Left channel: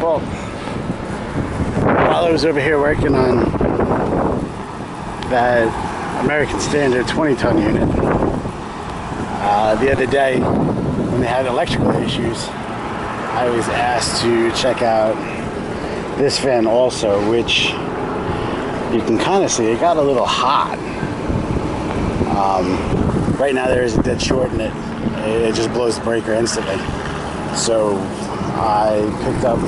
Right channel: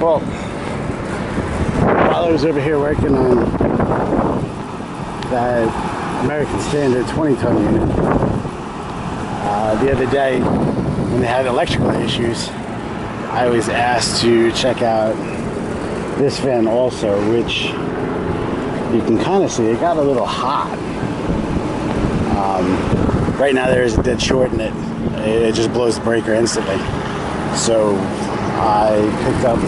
Well, while I was over here working on that American Standard 20-ton unit, the other day when they had electrical issues, I was asked to check out this fan also, which you can kind of see it got a little hot. Right now there is a dead short in it. It just blows the breaker instantly. So I picked up,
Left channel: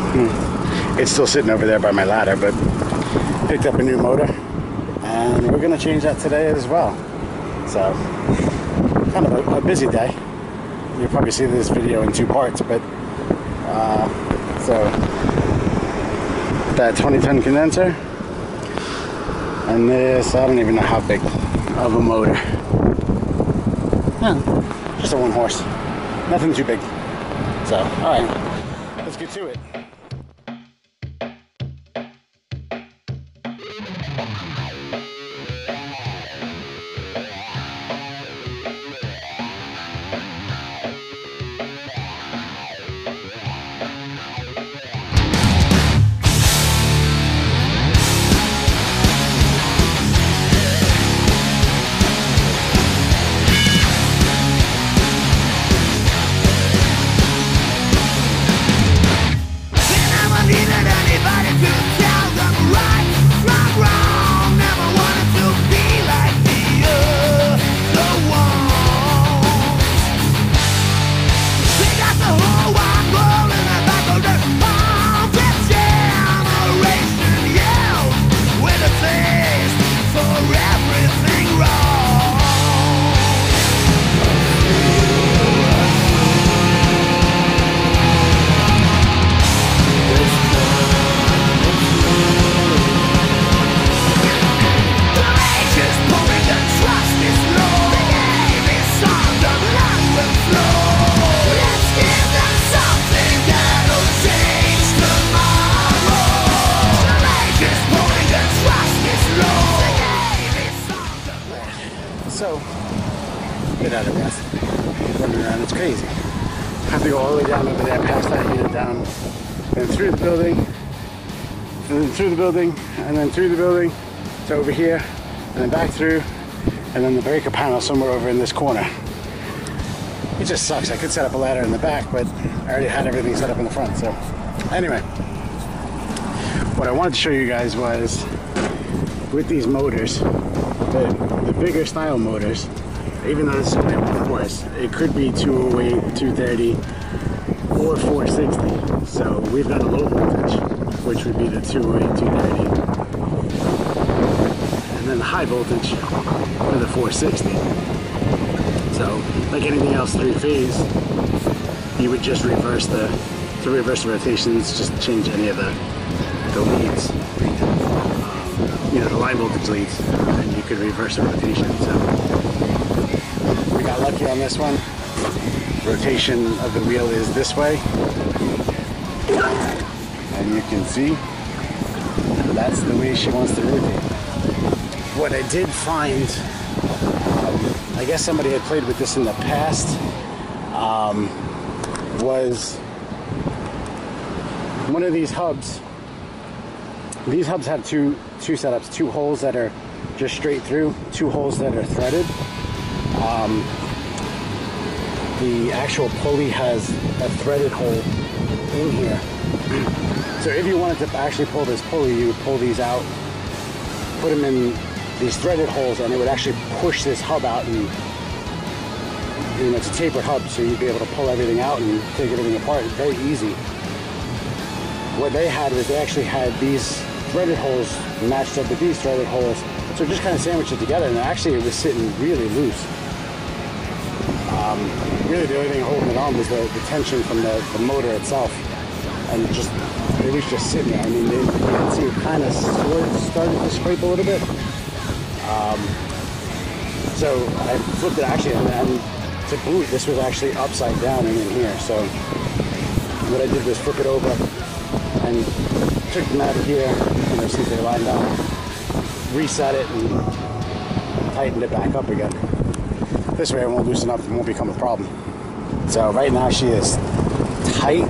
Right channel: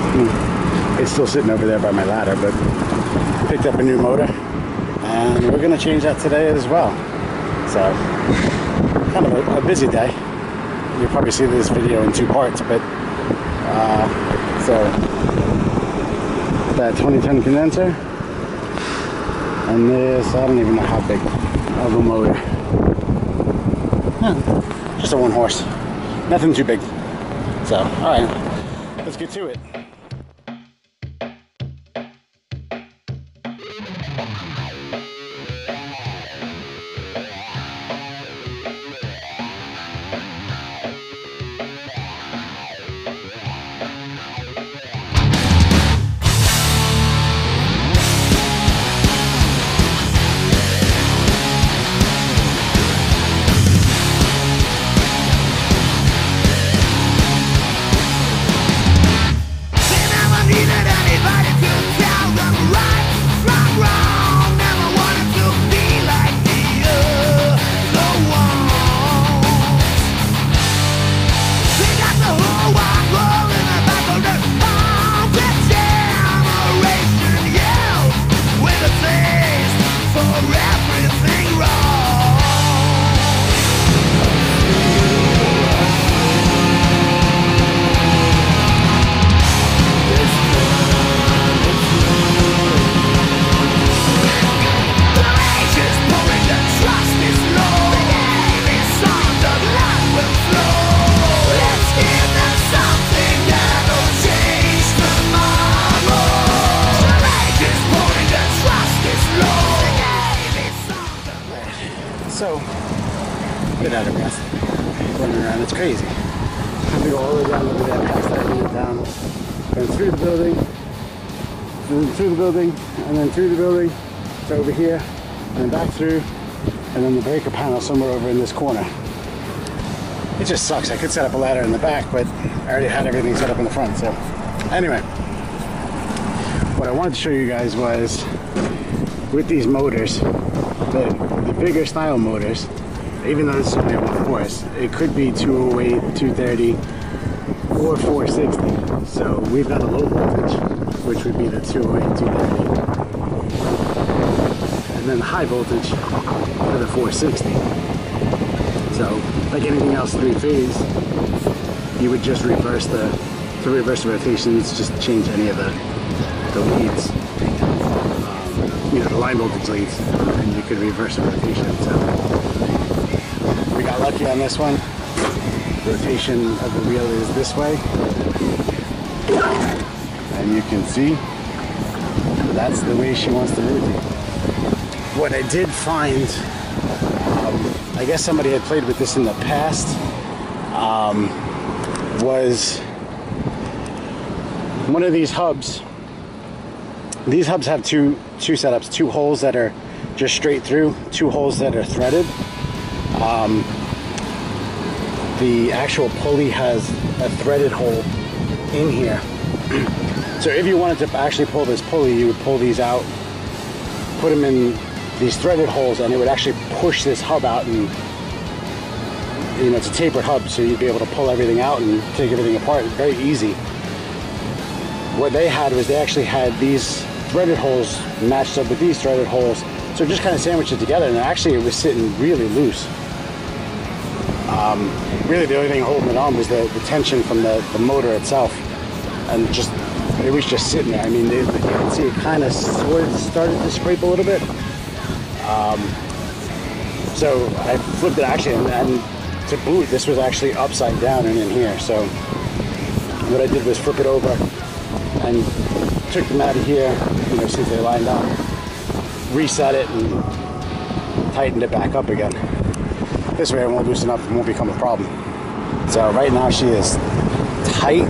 it's still sitting over there by my ladder, but picked up a new motor, and we're gonna change that today as well. So kind of a busy day. You'll probably see this video in two parts, but so that 20-ton condenser, and this, I don't even know how big of a motor. Just a 1 horse, nothing too big. So, all right, let's get to it. So, a bit out of breath, running around, it's crazy. I have to go all the way down over there, past that unit down, then through the building, and then through the building, and then through the building to over here, and then back through, and then the breaker panel somewhere over in this corner. It just sucks. I could set up a ladder in the back, but I already had everything set up in the front. So anyway, what I wanted to show you guys was with these motors, the bigger style motors, even though this is only a 1 horse, it could be 208, 230, or 460. So we've got a low voltage, which would be the 208, 230, and then the high voltage for the 460. So like anything else 3-phase, you would just reverse the rotations, just change any of the leads. You know, the line voltage leads, and you could reverse the rotation. So we got lucky on this one. Rotation of the wheel is this way, and you can see that's the way she wants to rotate. What I did find, I guess somebody had played with this in the past, was one of these hubs. These hubs have two setups, 2 holes that are just straight through, 2 holes that are threaded. The actual pulley has a threaded hole in here. So if you wanted to actually pull this pulley, you would pull these out, put them in these threaded holes, and it would actually push this hub out, and you know, it's a tapered hub, so you'd be able to pull everything out and take everything apart. It's very easy. What they had was they actually had these threaded holes matched up with these threaded holes, so just kind of sandwiched it together, and actually it was sitting really loose. Really the only thing holding it on was the tension from the motor itself, and just it was just sitting there. I mean, you can see it kind of started to scrape a little bit. So I flipped it actually, and to boot, this was actually upside down and in here. So what I did was flip it over and took them out of here, you know, since they lined up, reset it and tightened it back up again. This way it won't loosen up and won't become a problem. So right now she is tight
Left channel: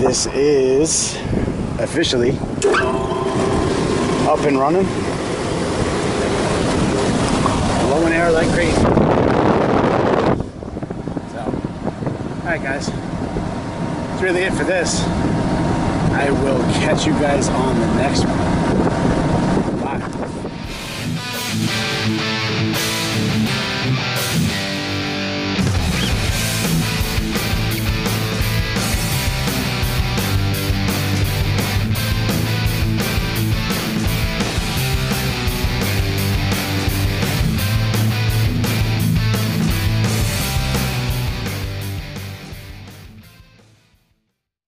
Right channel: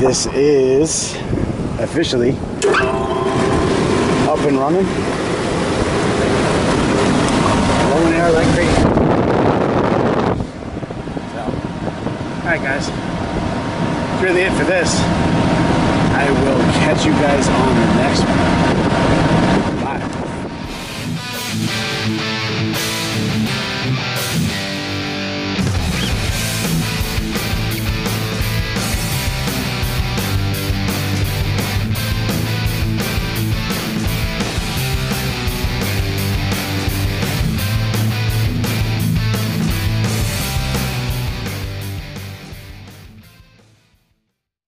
this is officially up and running. Blowing air like crazy. So, alright guys, that's really it for this. I will catch you guys on the next one. Bye.